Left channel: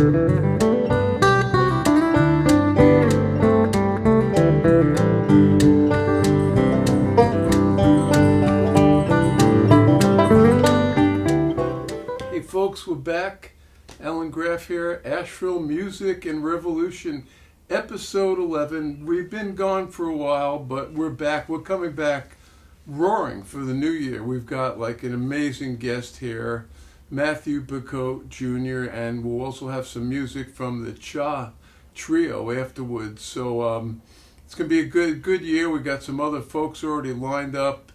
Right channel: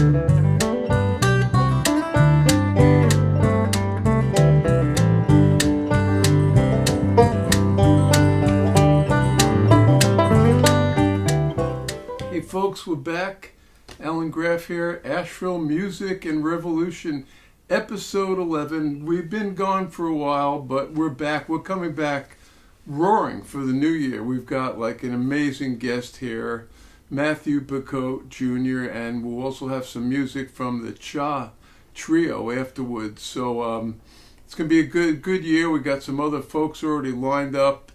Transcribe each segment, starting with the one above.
Hey folks, we're back. Alan Graff here, Asheville Music and Revolution, episode 11. We've been gone for a while, but we're back. We're coming back roaring for the new year. We've got like an amazing guest here, Matthew Bacoate Jr., and we'll also have some music from the Cha Trio afterwards. So it's going to be a good year. We got some other folks already lined up,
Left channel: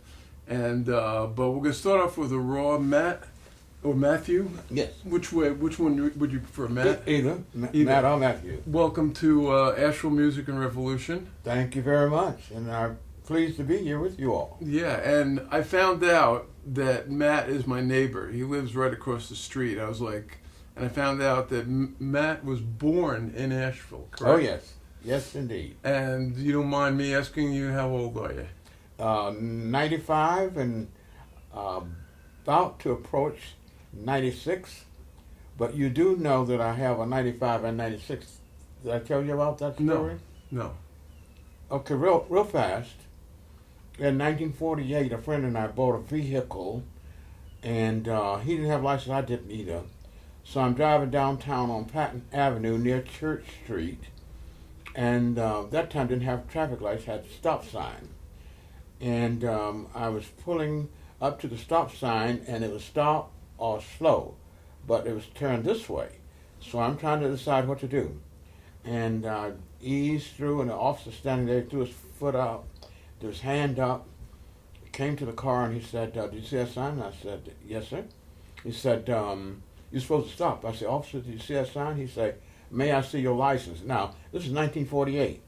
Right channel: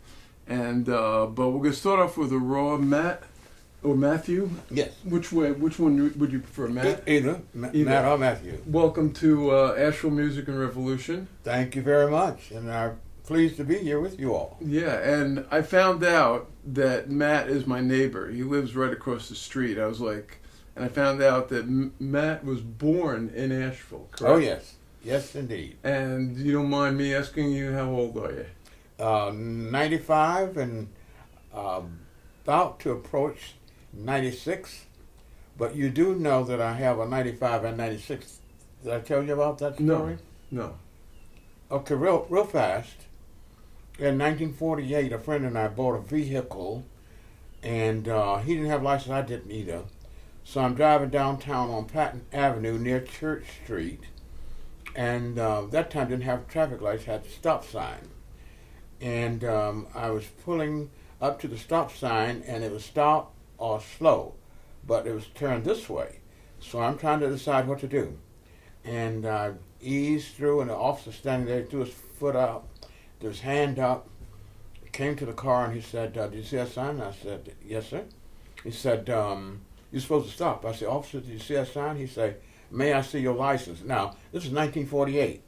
and but we're going to start off with a raw Matthew? Yes. Which one would you prefer, Matt? Either. Matt or Matthew. Welcome to Asheville Music and Revolution. Thank you very much, and I'm pleased to be here with you all. Yeah, and I found out that Matt is my neighbor. He lives right across the street. I was like, and I found out that Matt was born in Asheville, correct? Oh, yes. Yes, indeed. And you don't mind me asking you, how old are you? 95 and about to approach 96, but you do know that I have a 95 and 96. Did I tell you about that story? No. Okay, real fast. In 1948, a friend and I bought a vehicle, and he didn't have a license, I didn't either. So I'm driving downtown on Patton Avenue near Church Street, and that time didn't have traffic lights, had a stop sign. And I was pulling up to the stop sign, and it was stop or slow, but it was turned this way. So I'm trying to decide what to do. And eased through, and the officer standing there threw his foot out, threw his hand up, came to the car, and he said, "Did you see that sign?" I said, "Yes, sir." He said, "You're supposed to stop." I said, "Officer, did you see that sign?" He said, "May I see your license?" Now, this is 1948.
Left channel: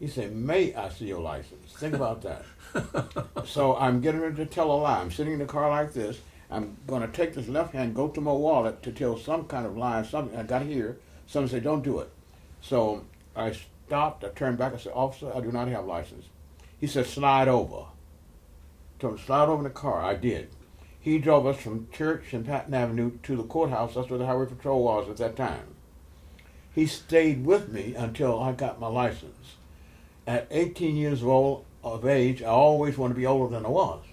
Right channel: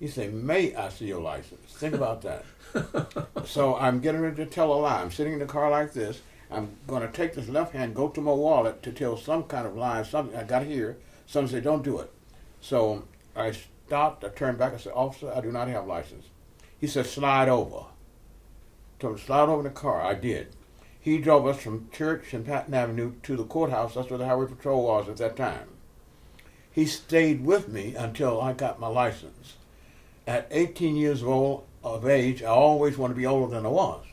He said, "May I see your license?" Think about that. So I'm getting ready to tell a lie. I'm sitting in the car like this. I'm going to take this left hand, go to my wallet to tell some kind of lie, something I got to hear. Someone said, "Don't do it." So I stopped, I turned back, I said, "Officer, I do not have a license." He said, "Slide over." So slide over in the car. I did. He drove us from Church and Patton Avenue to the courthouse. That's where the highway patrol was at that time. He stayed with me until I got my license. At 18 years of age, I always wanted to be older than I was.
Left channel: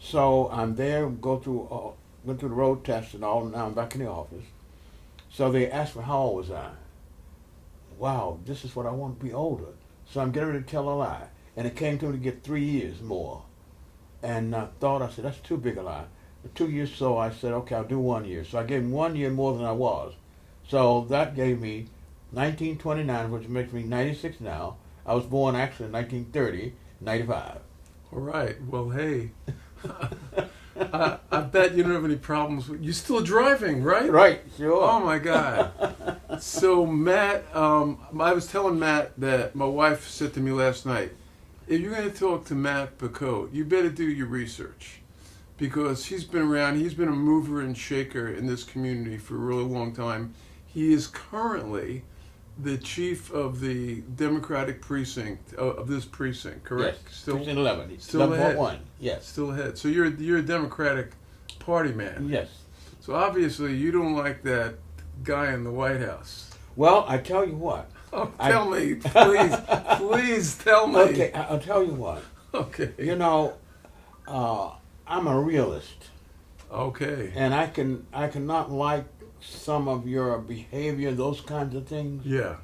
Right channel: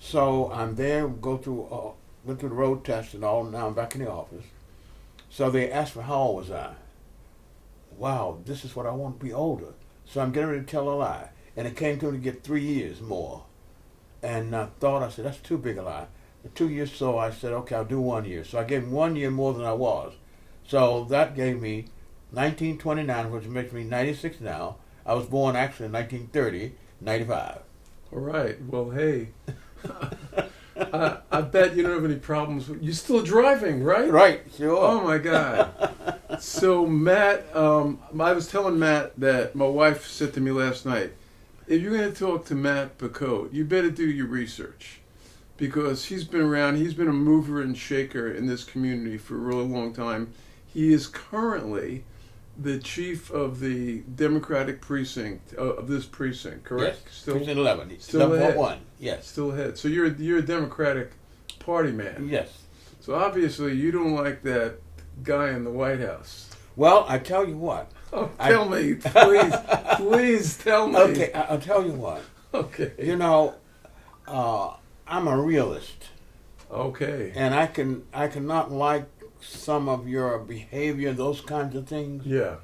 So I'm there, went through the road test and all, and now I'm back in the office. So they asked me how old was I. Wow, this is what I want to be older. So I'm getting ready to tell a lie. And it came to me to get 3 years more. And I said, that's too big a lie. 2 years, so I said, okay, I'll do 1 year. So I gave him 1 year more than I was. So that gave me 1929, which makes me 96 now. I was born actually in 1930, 95. All right. Well, hey, I bet you don't have any problems. You're still driving, right? Right, sure. Oh, my God. So, Matt, I was telling Matt that my wife said to me last night, if you're going to talk to Matt Bacoate, you better do your research, because he's been around. He's been a mover and shaker in this community for a really long time. He is currently the chief of the Democratic precinct of this precinct, correct? Yes, Still, precinct 11. still ahead. 1. Yes. Still ahead. So you're a Democratic Party man. Yes. So obviously you don't like that guy in the White House. Well, I tell you what. Oh, tell me, please, please tell me. Okay, I'll tell you what. Okay. You know, I'm a realist. Okay. And I cannot like some of your behavior and those kinds of things. Yeah.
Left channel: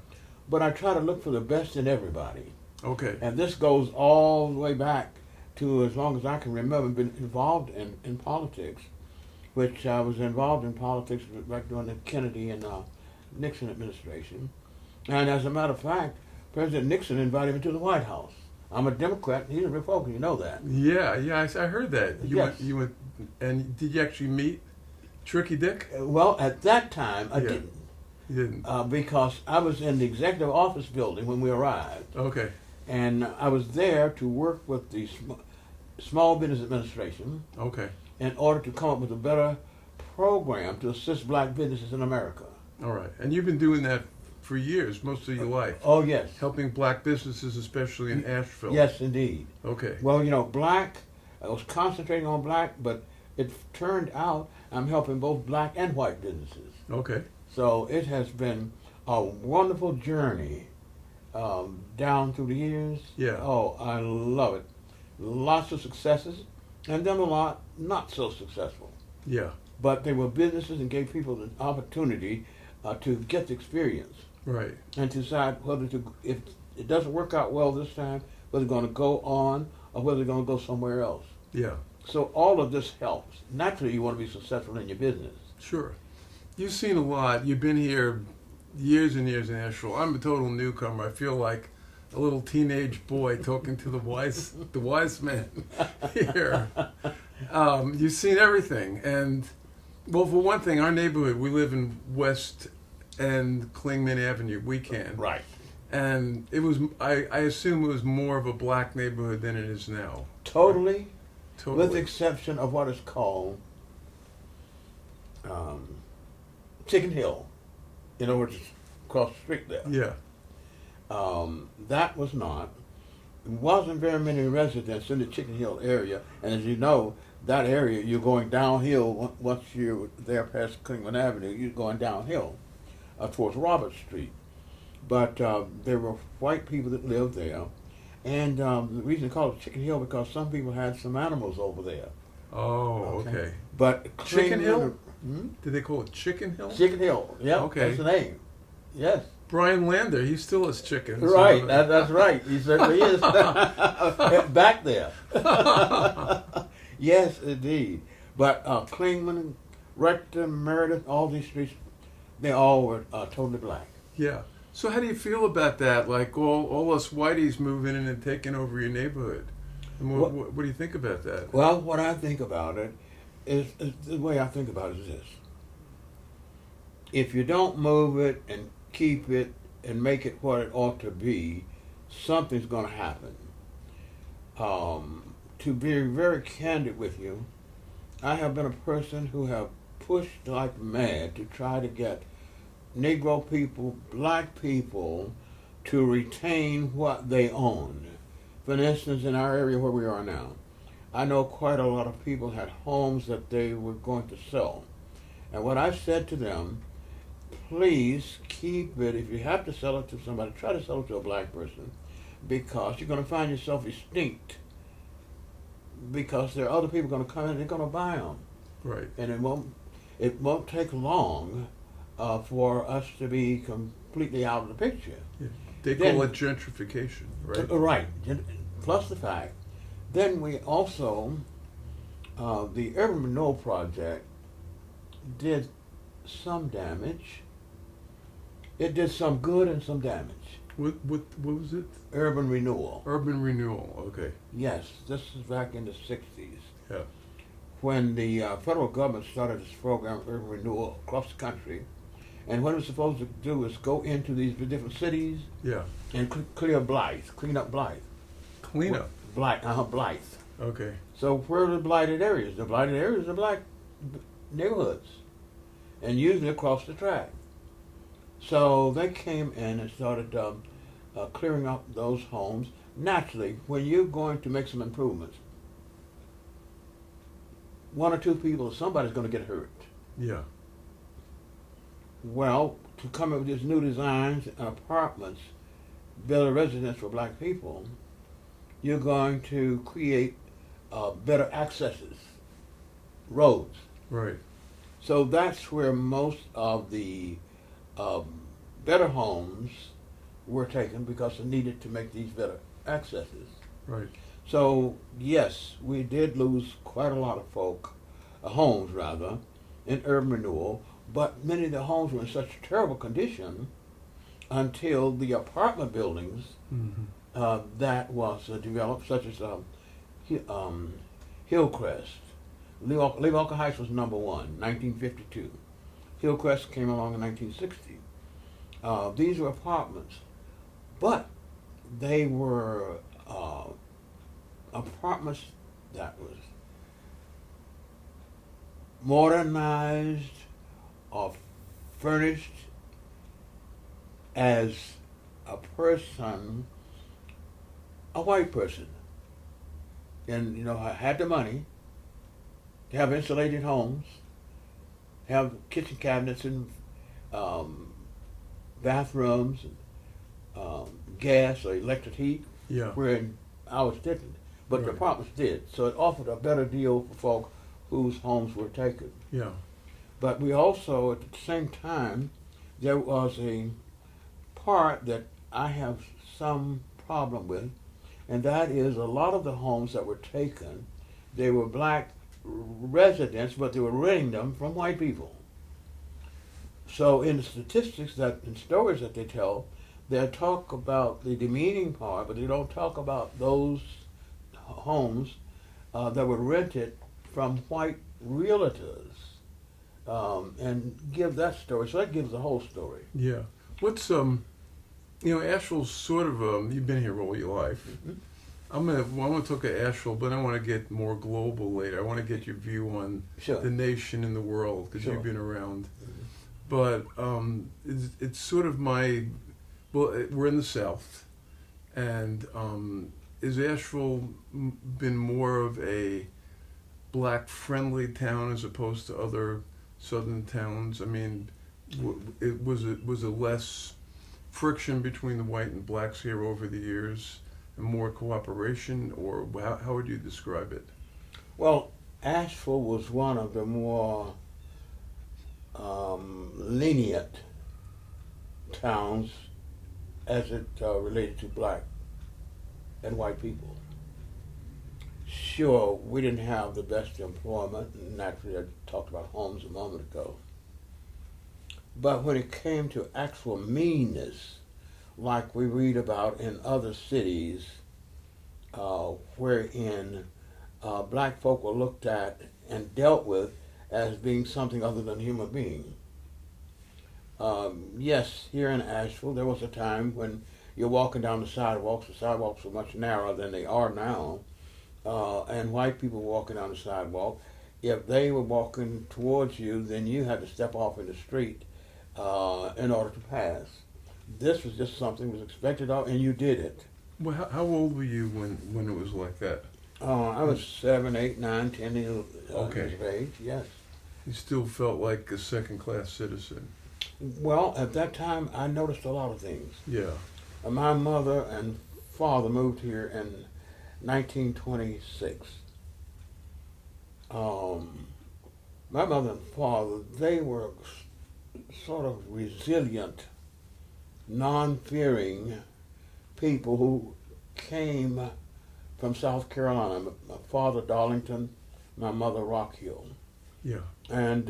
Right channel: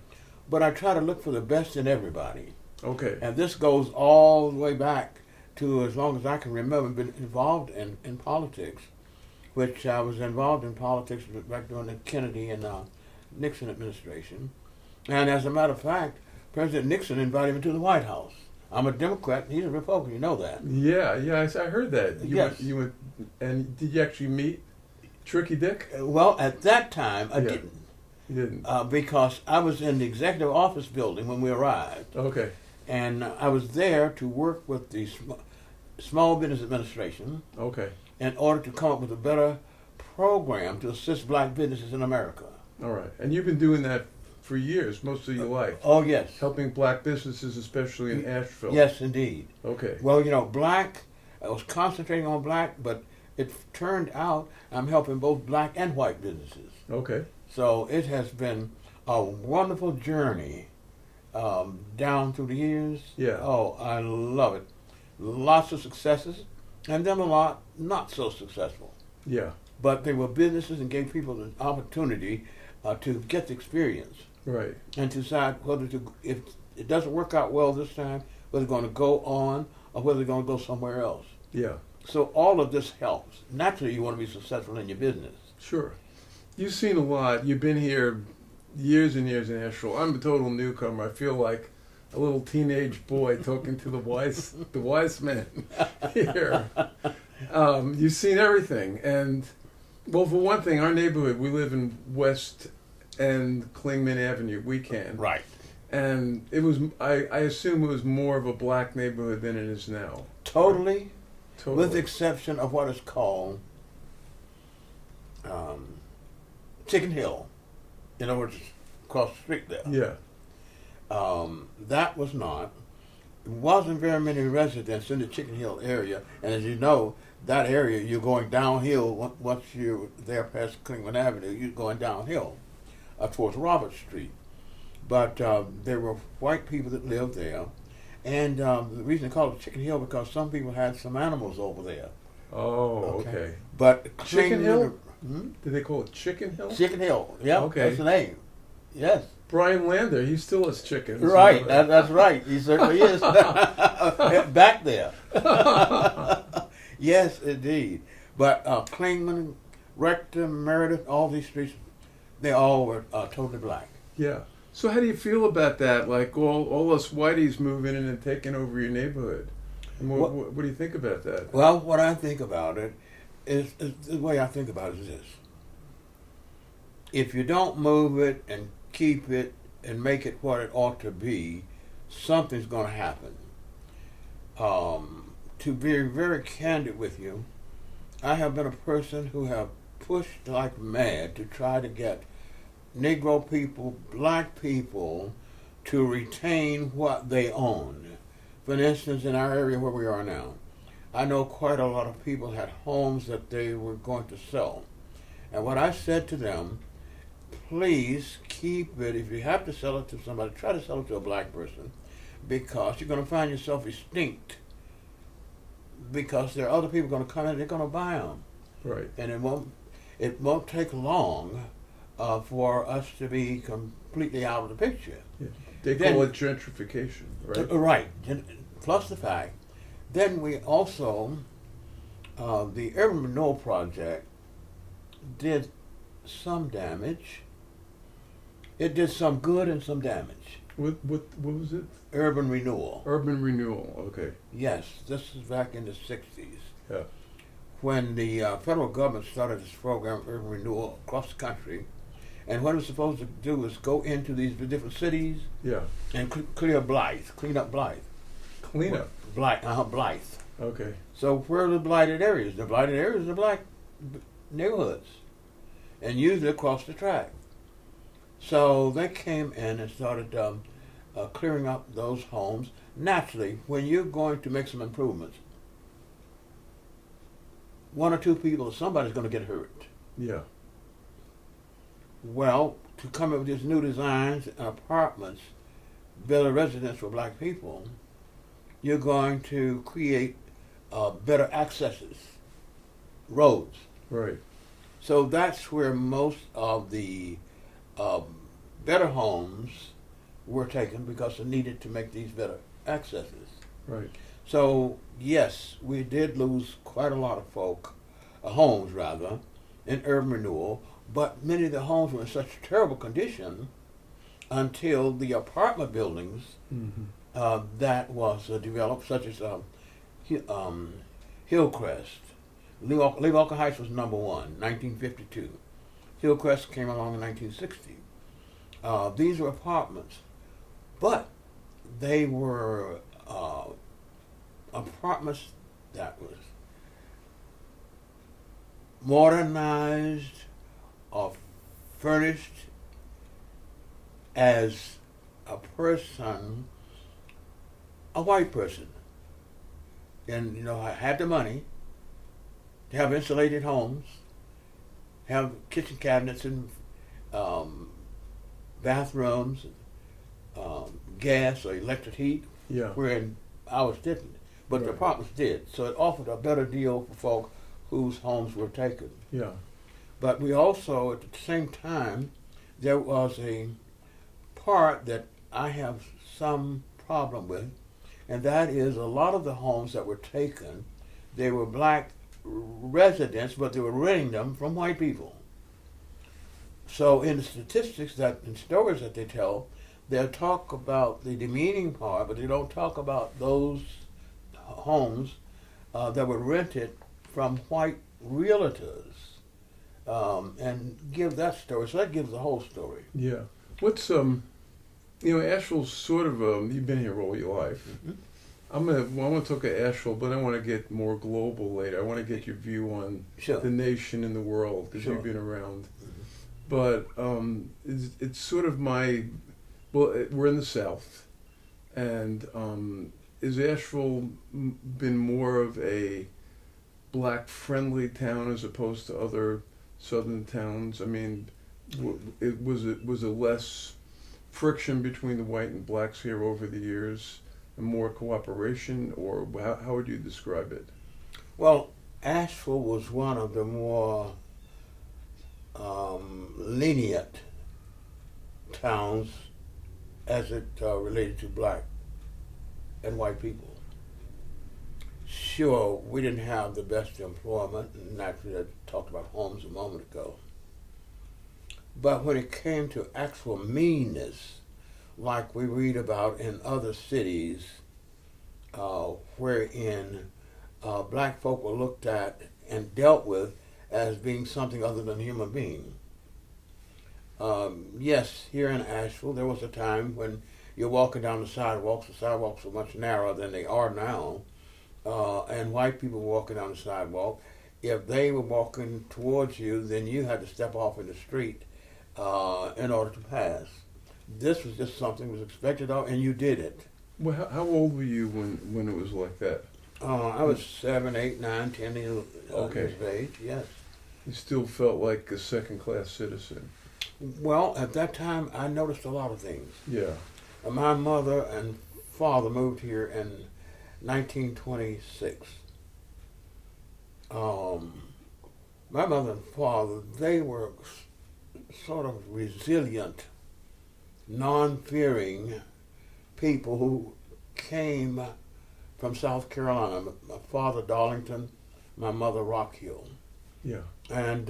But I try to look for the best in everybody. Okay. And this goes all the way back to as long as I can remember, been involved in politics, which I was involved in politics back during the Kennedy and Nixon administration. And as a matter of fact, President Nixon invited me to the White House. I'm a Democrat, he's a Republican, you know that. Yeah, I heard that. Yes. You went, and did you actually meet Tricky Dick? Well, at that time, I Yeah. didn't. You didn't? Because I was in the executive office building when we arrived. Okay. And I was there to work with the Small Business Administration Okay. in order to come up with a better program to assist black businesses in America. All right. And you've been doing that for years, most of your life. Oh, yes. Helping black businesses, especially in Asheville. Yes, indeed. Okay. Well, you know, I was concentrating on black, but it turned out I'm helping both black and white businesses. Okay. So it has been a wonderful journey down through the years. Yeah. Oh, I love it. Lots of successes, and then a lot not so successful. Yeah. But they were businesses and gave people the opportunity to get the experience Right. and to decide whether to, if it doesn't work out well this time, whether they're going to go on or whether they're going to go somewhere else. Yeah. So all of this helps. Naturally, you want to be successful in your business. Sure. You've seen a lot. You've been here years and years in Asheville. I'm a total newcomer. I feel like a little teenage boy talking to the wise man here. You've seen everything, and well, for one thing, our neighborhood, we live in West and Clingman Avenue. We can, Right. and it was. I assume it was more of a black neighborhood than it is now. Totally, Totally. with the exception of what is called Chicken Hill. In other words, across the street there. Yeah. That was not. Wasn't very many residents in the Chicken Hill area, and as you know, that area you're going downhill once you're there past Clingman Avenue. You're going downhill towards Robert Street. But there were white people that lived there, and the reason they called it Chicken Hill because some people had some animals over there. Oh, okay. But Chicken Hill? Hmm? Did they call it Chicken Hill? Chicken Hill. Yeah, Okay. that's the name. Yes. Brian Lander, he still has chickens. Right, that's right. He certainly is. Back there. Yes, indeed. But Clingman, Rector, Meredith, all these streets, they all were totally black. Yeah. So how do you feel about that? Like all us whiteys moving in and taking over your neighborhood. And what do you think about that? Well, what I think about it is the way I think about it is this. If you don't move it and keep it and make it what it ought to be, something's going to happen. To be very candid with you, I have been a person who have pushed like mad to try to get Negro people, black people, to retain what they owned. For instance, in our area where we are now, I know quite a lot of people had homes that they were going to sell. And what I said to them, please keep it. If you have to sell it to somebody, try to sell it to a black person, because you're going to find yourself extinct. Because there are other people going to come in and they're going to buy them. Right. And it won't take long for us to be completely out of the picture. Yeah. They call it gentrification, right? Right. Plus the fact, then we also, the Urban Renewal Project did some damage. It did some good and some damage. What was it? Urban Renewal. Urban renewal. Okay. Yes, this is back in the 60s. Yeah. When the federal government started this program, Urban Renewal, across the country. And what it was supposed to do is go into these different cities Yeah. and clean up Blythe. Clean up. Blythe. Okay. So where are the blighted areas? The blighted areas are black neighborhoods, and usually across the track. So they came in and started clearing up those homes. Naturally, when you're going to make some improvements, one or two people or somebody's going to get hurt. Yeah. Well, to come up with these new designs and apartments, better residence for black people, you're going to create better accesses, roads. Right. So that's where most of the better homes were taken because they needed to make these better accesses. Right. So yes, we did lose quite a lot of folk, homes rather, in urban renewal, but many of the homes were in such terrible condition until the apartment buildings that was developed, such as Hillcrest. Leewalker Heights was number one, 1952. Hillcrest came along in 1960. These were apartments, but they were apartments that was modernized or furnished as a person, a white person. And, I had the money to have insulated homes, have kitchen cabinets and bathrooms, gas or electric heat, Yeah. where ours didn't. But the Right. apartments did, so it offered a better deal for folk whose homes were taken. Yeah. But we also, at the same time, there was a part that I have some problem with, and that is a lot of the homes that were taken, they were black residents, but they were renting them from white people. So in the statistics that and stories that they tell, they'll talk about the demeaning part, but they don't talk about those homes that were rented from white realtors, and give that story. So that gives the whole story. Yeah. What's Asheville's sort of you've been here all your life. Mm-hmm. I want to talk about Asheville, but I want to get more global later. I want to get your view on Sure. the nation and the world because Sure. you've been around. But it's sort of we're in the South, and is Asheville been more of a black-friendly town as opposed to other southern towns? I mean, was it less friction between the white and blacks here over the years, and more cooperation, or how would you describe it? Well, Asheville was one of the more lenient towns as it related to black and white people. Sure, we didn't have the best employment, and naturally I talked about homes a moment ago. But when it came to actual meanness, like we read about in other cities, wherein black folk were looked at and dealt with as being something other than a human being. Yes, here in Asheville, there was a time when you're walking down the sidewalks were much narrower than they are now, and white people walking down the sidewalk, if they were walking towards you, then you had to step off in the street in order to pass. This was just something that was expected of, and you did it. Well, how old were you when it was like that? I was 7, 8, 9, 10 years Okay. of age, yes. You still felt like a second-class citizen. Well, at that time, I noticed a lot of things. Yeah. My mother and father moved here in 1926. My mother and father, they were sort of resilient, non-fearing people who came from South Carolina. My father, Darlington, my mother, Rock Hill. Yeah. And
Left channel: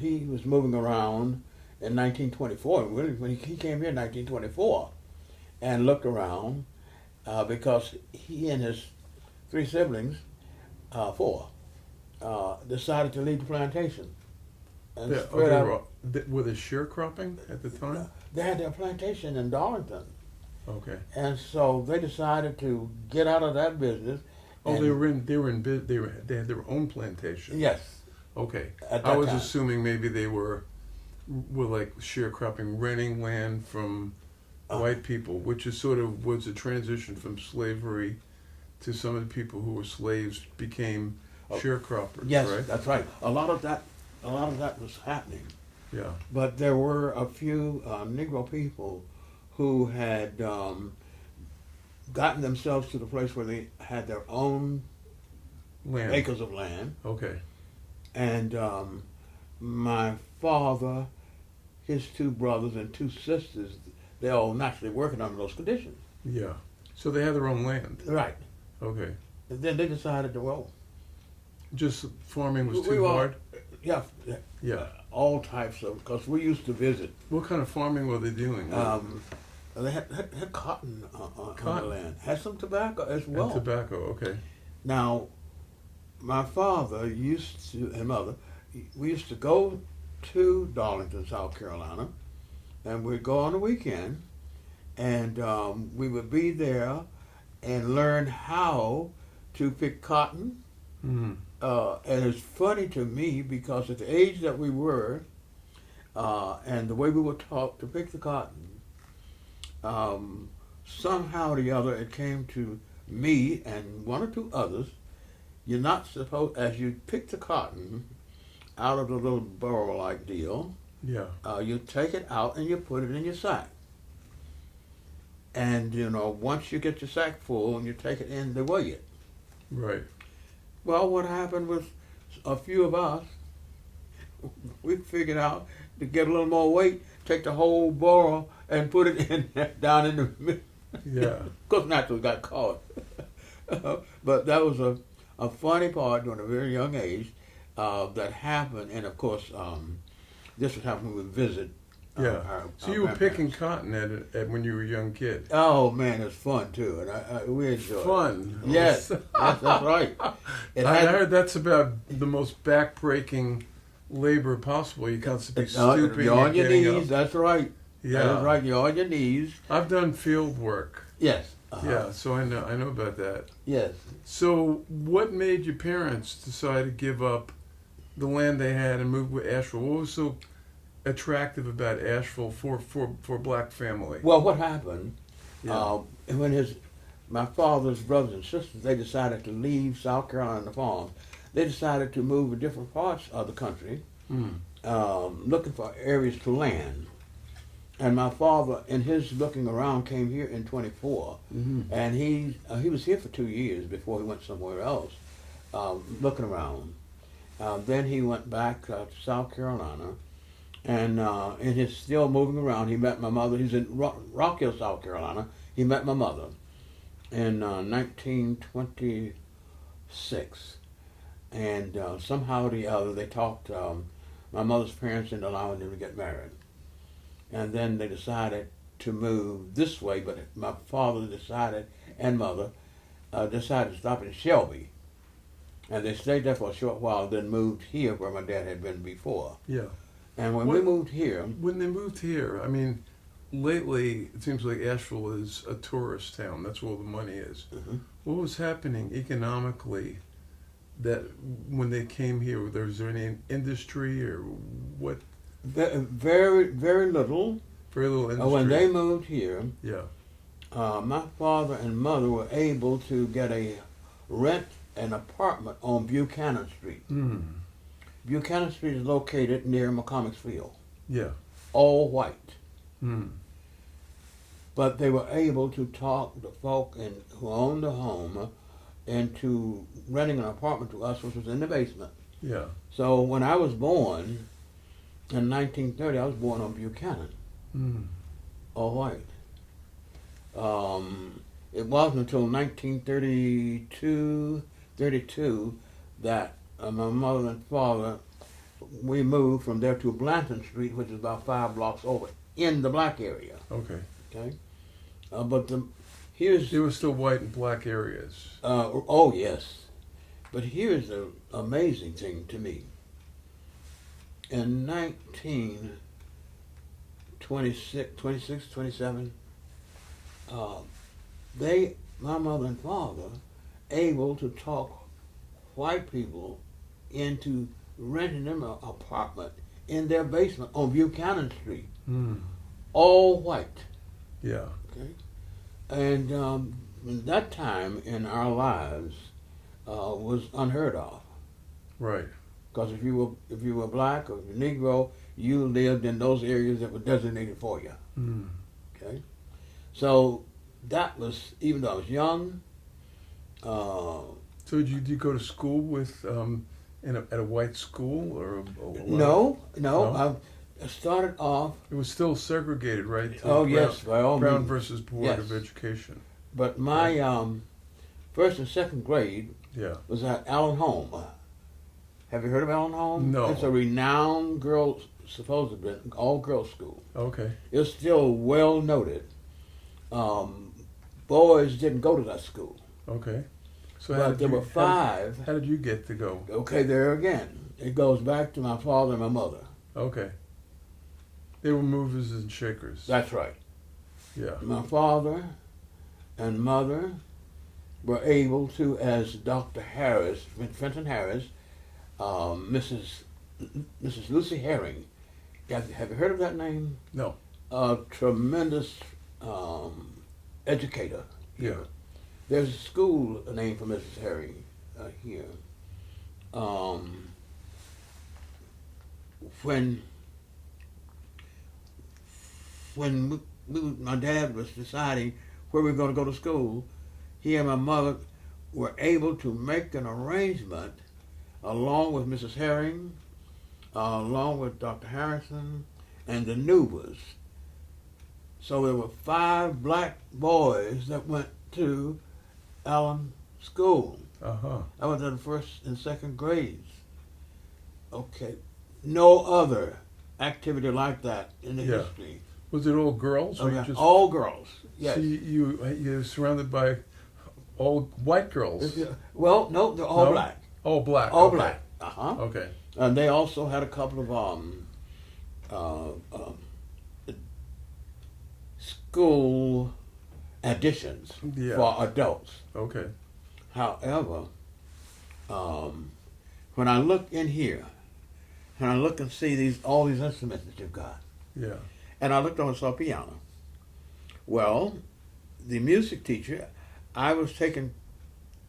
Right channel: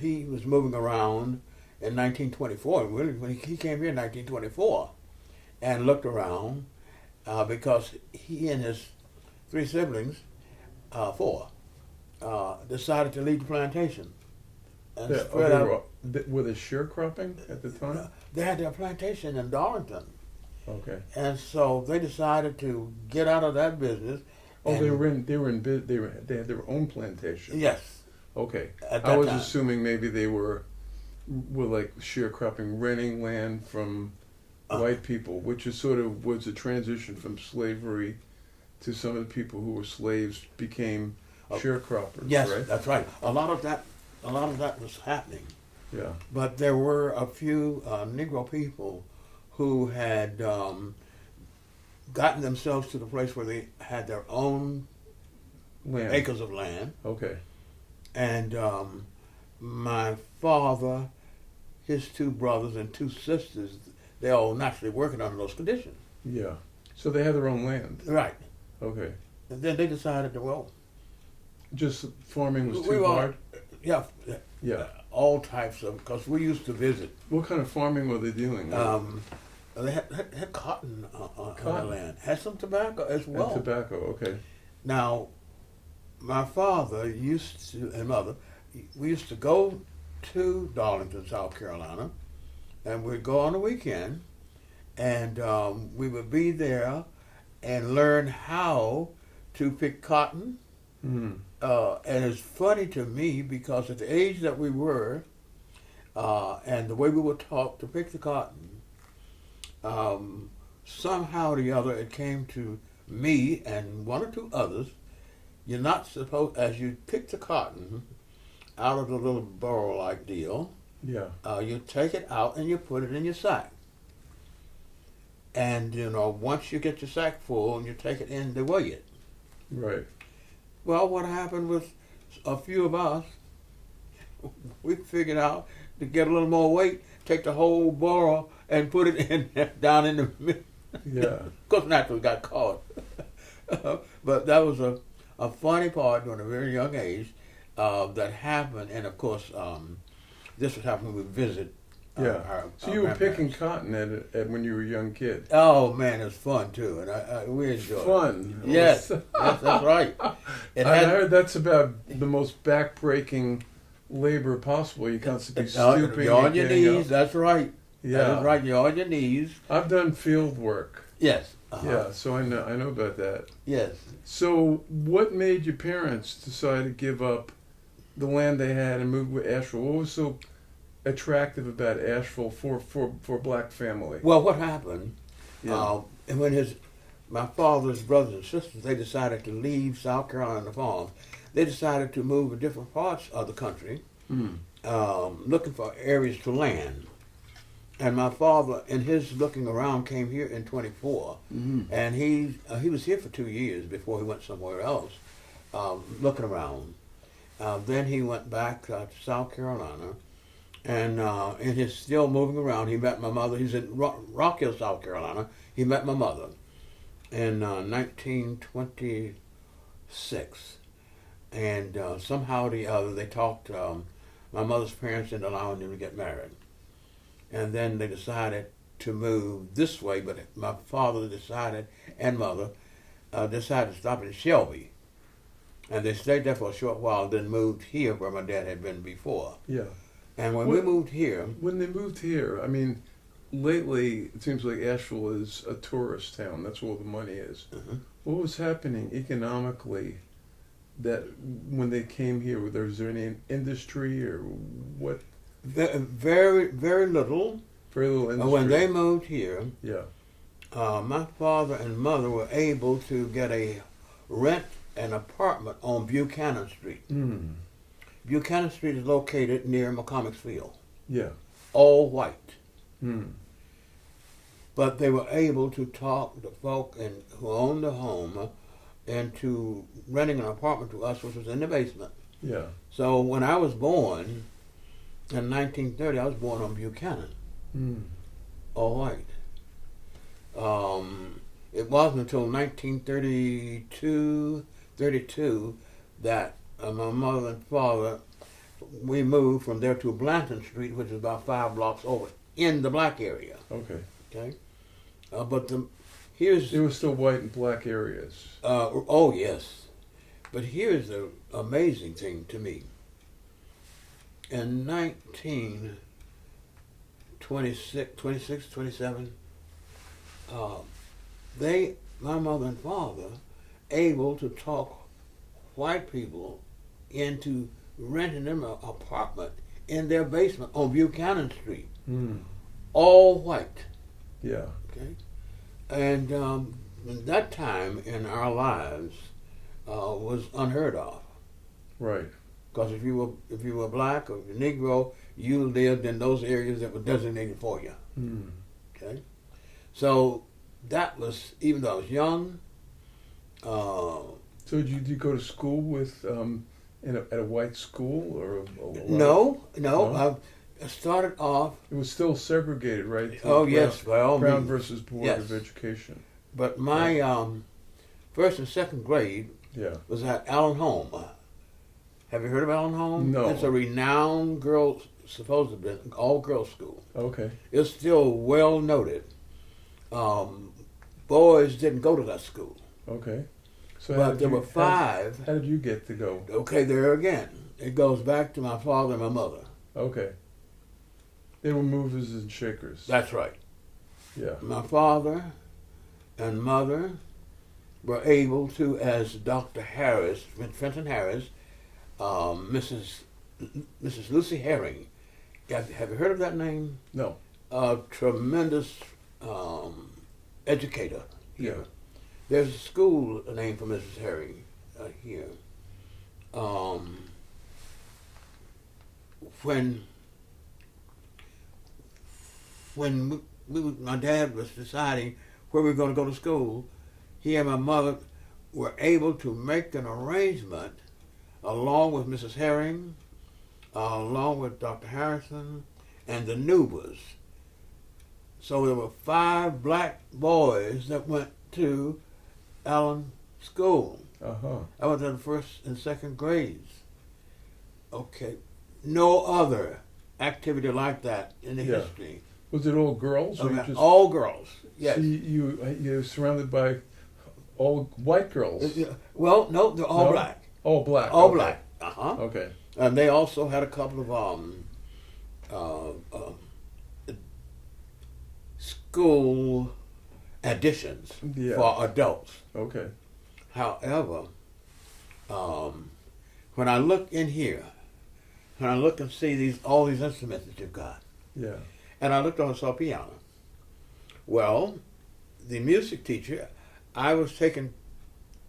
he was moving around in 1924. When he came here in 1924 and looked around, because he and his 3 siblings, 4, decided to leave the plantation. And spread out. Were they sharecropping at the time? They had their plantation in Darlington. Okay. And so they decided to get out of that business. Oh, they had their own plantation. Yes. Okay. At I that was time. assuming maybe they were like sharecropping, renting land from white people, which is sort of was a transition from slavery to some of the people who were slaves became sharecroppers. Yes, right? that's right. A lot of that was happening. Yeah. But there were a few Negro people who had gotten themselves to the place where they had their own Land. acres of land. Okay. And my father, his 2 brothers and 2 sisters, they all naturally working under those conditions. Yeah. So they had their own land. Right. Okay. And then they decided to, well, Just farming was We too were- hard. yeah, Yeah. all types of, because we used to visit. What kind of farming were they doing? They had cotton on the Cotton. land. Had some tobacco as And well. tobacco. Okay. Now, my father and mother, we used to go to Darlington, South Carolina, and we'd go on the weekend, and we would be there and learn how to pick cotton. Mm. And it's funny to me because at the age that we were, and the way we were taught to pick the cotton, somehow or the other it came to me and 1 or 2 others, you're not supposed, as you pick the cotton out of the little burrow-like deal, Yeah. You take it out and you put it in your sack. And, once you get your sack full and you take it in to weigh it. Right. Well, what happened was a few of us, we figured out to get a little more weight, take the whole barrel and put it in down in the middle. Yeah. Of course, naturally got caught. But that was a funny part during a very young age that happened. And of course, this would happen when we visit. Yeah. So you were picking cotton at when you were a young kid. Oh man, it's fun too, and we enjoyed Fun. it. Yes, that's right. I heard that's about the most back-breaking labor possible. You constantly stooping You're on and your getting knees. up. That's right. Yeah. That's right. You're on your knees. I've done field work. Yes. Yeah, so I know about that. Yes. So what made your parents decide to give up the land they had and move with Asheville? What was so attractive about Asheville for a black family? Well, what happened? Yeah. And when my father's brothers and sisters, they decided to leave South Carolina and the farms. They decided to move to different parts of the country, looking for areas to land. And my father, in his looking around, came here in 24, and he was here for 2 years before he went somewhere else, looking around. Then he went back to South Carolina, and he's still moving around. He met my mother. He's in Rock Hill, South Carolina. He met my mother in 1926, and somehow or the other they talked my mother's parents into allowing them to get married. And then they decided to move this way, but my father decided, and mother, decided to stop in Shelby. And they stayed there for a short while, then moved here where my dad had been before. Yeah. And when we moved here... When they moved here, I mean, lately it seems like Asheville is a tourist town. That's where all the money is. What was happening economically that when they came here? Was there any industry or what? Very, very little. Very little industry. When they moved here, yeah, my father and mother were able to rent an apartment on Buchanan Street. Buchanan Street is located near McCormick's Field. Yeah. All white. But they were able to talk the folk who owned the home into renting an apartment to us, which was in the basement. Yeah. So when I was born, in 1930, I was born on Buchanan. All white. It wasn't until 1932 that my mother and father, we moved from there to Blanton Street, which is about 5 blocks over, in the black area. Okay. Okay. But here's... There were still white and black areas. Oh, yes. But here's the amazing thing to me. In 1927, my mother and father, able to talk white people into renting them an apartment in their basement on Buchanan Street. All white. Yeah. Okay. And that time in our lives was unheard of. Right. Because if you were black or Negro, you lived in those areas that were designated for you. Okay, so that was, even though I was young. So did you go to school with at a white school or? No. I started off. It was still segregated, right? Yes, by all Brown means. versus Board of Education. But my first and second grade was at Allen Home. Have you heard of Allen Home? No. It's a renowned supposedly all-girls school. Okay. It's still well noted. Boys didn't go to that school. Okay. So There were 5. How did you get to go? Okay, there again. It goes back to my father and my mother. Okay. They were movers and shakers. That's right. Yeah. My father and mother were able to, as Dr. Harris, Fenton Harris, Mrs. Lucy Herring. Have you heard of that name? No. A tremendous educator here. Yeah. There's a school named for Mrs. Herring here. When when my dad was deciding where we were going to go to school, he and my mother were able to make an arrangement along with Mrs. Herring, along with Dr. Harrison, and the Nubas. So there were 5 black boys that went to Allen School. I was in the first and second grades. Okay. No other activity like that in the history. Was it all girls? Or just, all girls. Yes. So you're surrounded by all white girls. Well, no, they're all black. All black. All okay. black. Okay. And they also had a couple of school additions for adults. Okay. However, when I look in here, and I look and see all these instruments that you've got, and I looked on and saw piano. Well, the music teacher, I was taking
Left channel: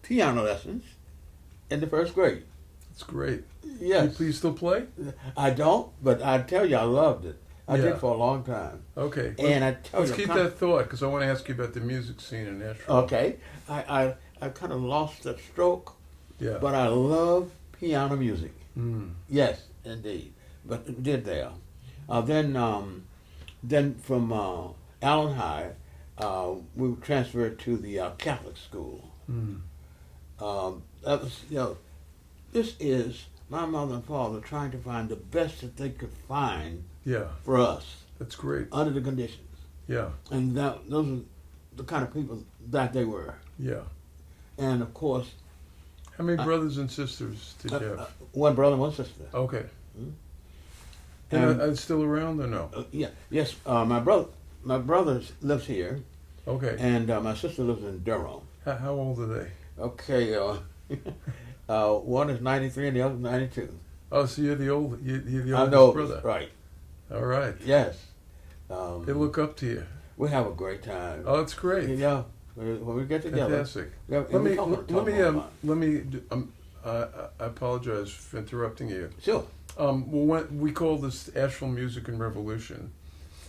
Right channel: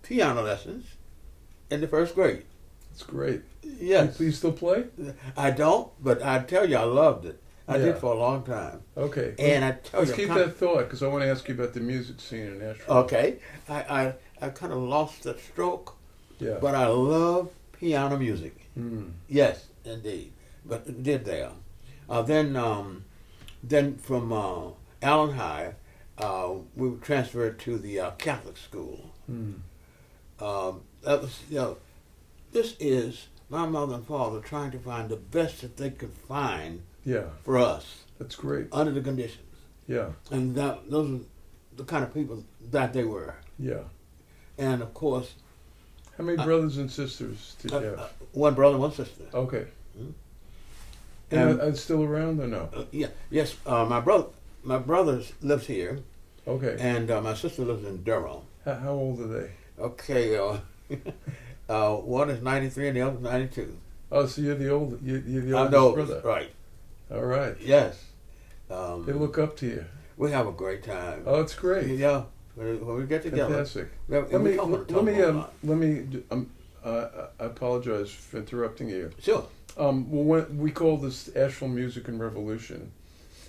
piano lessons in the first grade. That's great. Yes. Do you still play? I don't, but I tell you, I loved it. I did for a long time. Okay. And I tell let's keep that thought, because I want to ask you about the music scene in Asheville. Okay. I kind of lost that stroke. Yeah. But I love piano music. Mm. Yes, indeed. But it did there. Then from Allen High, we transferred to the Catholic school. Mm. That was, this is my mother and father trying to find the best that they could find for us. That's great. Under the conditions. Yeah. And those were the kind of people that they were. Yeah. And of course. How many brothers and sisters did you have? One brother, one sister. Okay. Mm-hmm. And are still around or no? Yes. My brother lives here. Okay. And my sister lives in Durham. How old are they? Okay. One is 93 and the other is 92. Oh, so you're the oldest brother. Right. All right. Yes. They look up to you. We have a great time. Oh, it's great. Yeah. When we get together. Fantastic. Let me. I apologize for interrupting you. Sure. Well, we call this Asheville Music and Revolution.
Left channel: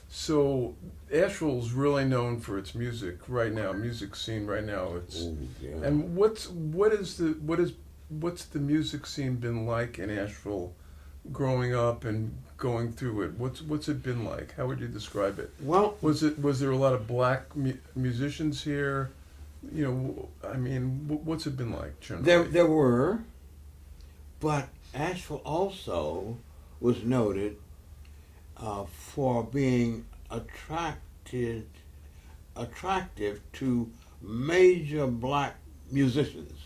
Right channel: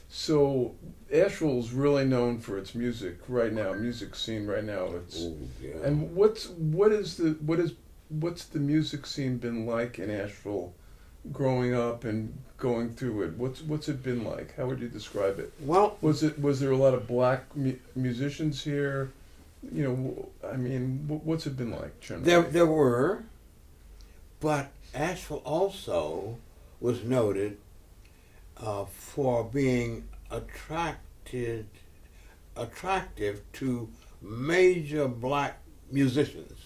So Asheville's really known for its music right now, music scene right now. And what's the music scene been like in Asheville, growing up and going through it? What's it been like? How would you describe it? Well, was there a lot of black musicians here? I mean, what's it been like generally? There were, but Asheville also was noted for being attractive to major black musicians,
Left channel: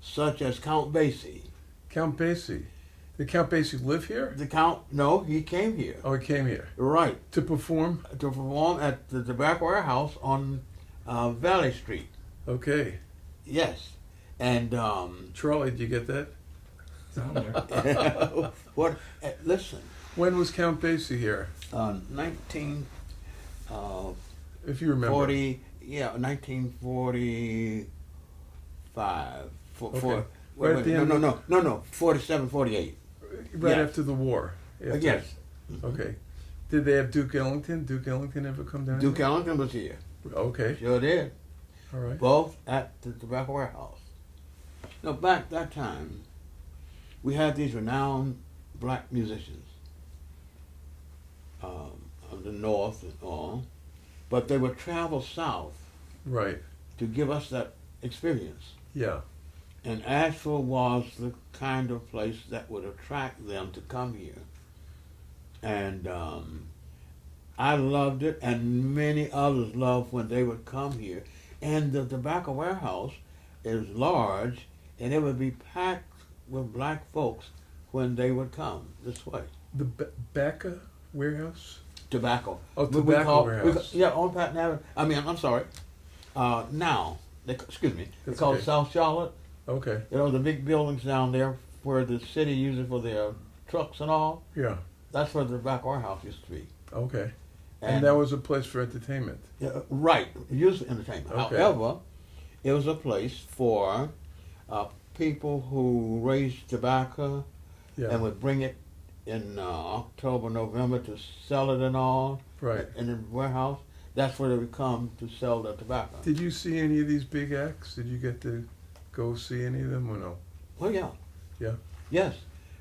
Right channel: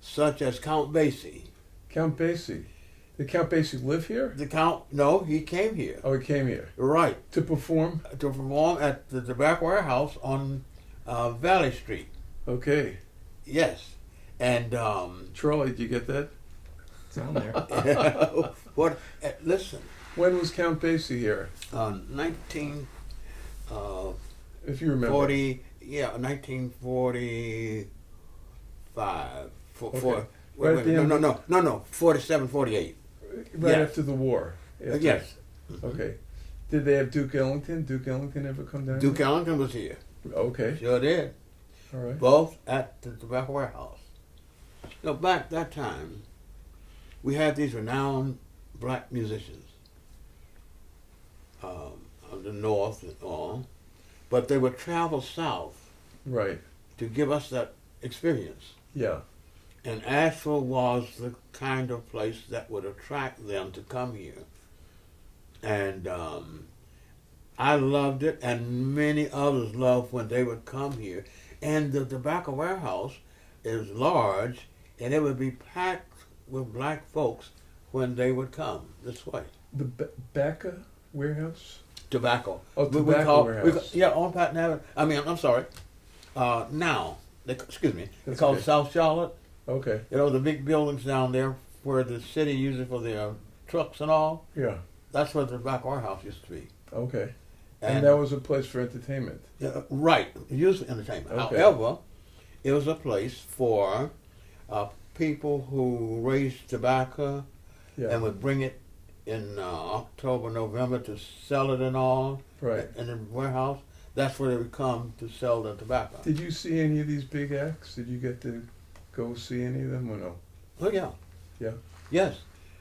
such as Count Basie. Count Basie? Did Count Basie live here? No, he came here. Oh, he came here. Right. To perform? To perform at the Tobacco Warehouse on Valley Street. Okay. Yes. And Charlie, did you get that? It's on there. Listen. When was Count Basie here? 19. If you remember. 1945. Okay. No, 47, 48. Right after the war. Yes. Okay. Did they have Duke Ellington? Duke Ellington ever come down? Duke Ellington was here. Okay. Sure did. All right. Both at the Tobacco Warehouse. Now, back that time, we had these renowned black musicians of the North and all, but they would travel south. Right. To give us that experience. Yeah. And Asheville was the kind of place that would attract them to come here. And I loved it, and many others loved when they would come here. And the Tobacco Warehouse is large, and it would be packed with black folks when they would come this way. The Bacoate Warehouse? Tobacco. Oh, Tobacco Warehouse. On Patton Avenue. I'm sorry. Now, they call it South Charlotte. Okay. The big buildings down there where the city uses it for their trucks and all. Yeah. That's where the Tobacco Warehouse used to be. Okay. And that was a place for entertainment. Right. Usually entertainment. Okay. However, it was a place for people who raised tobacco and would bring it in October, November to sell it and all Right. in the warehouse. That's where they would come to sell the tobacco. Did you see any of these big acts? Did you get to go see any of them or no? Oh yeah. Yeah. Yes.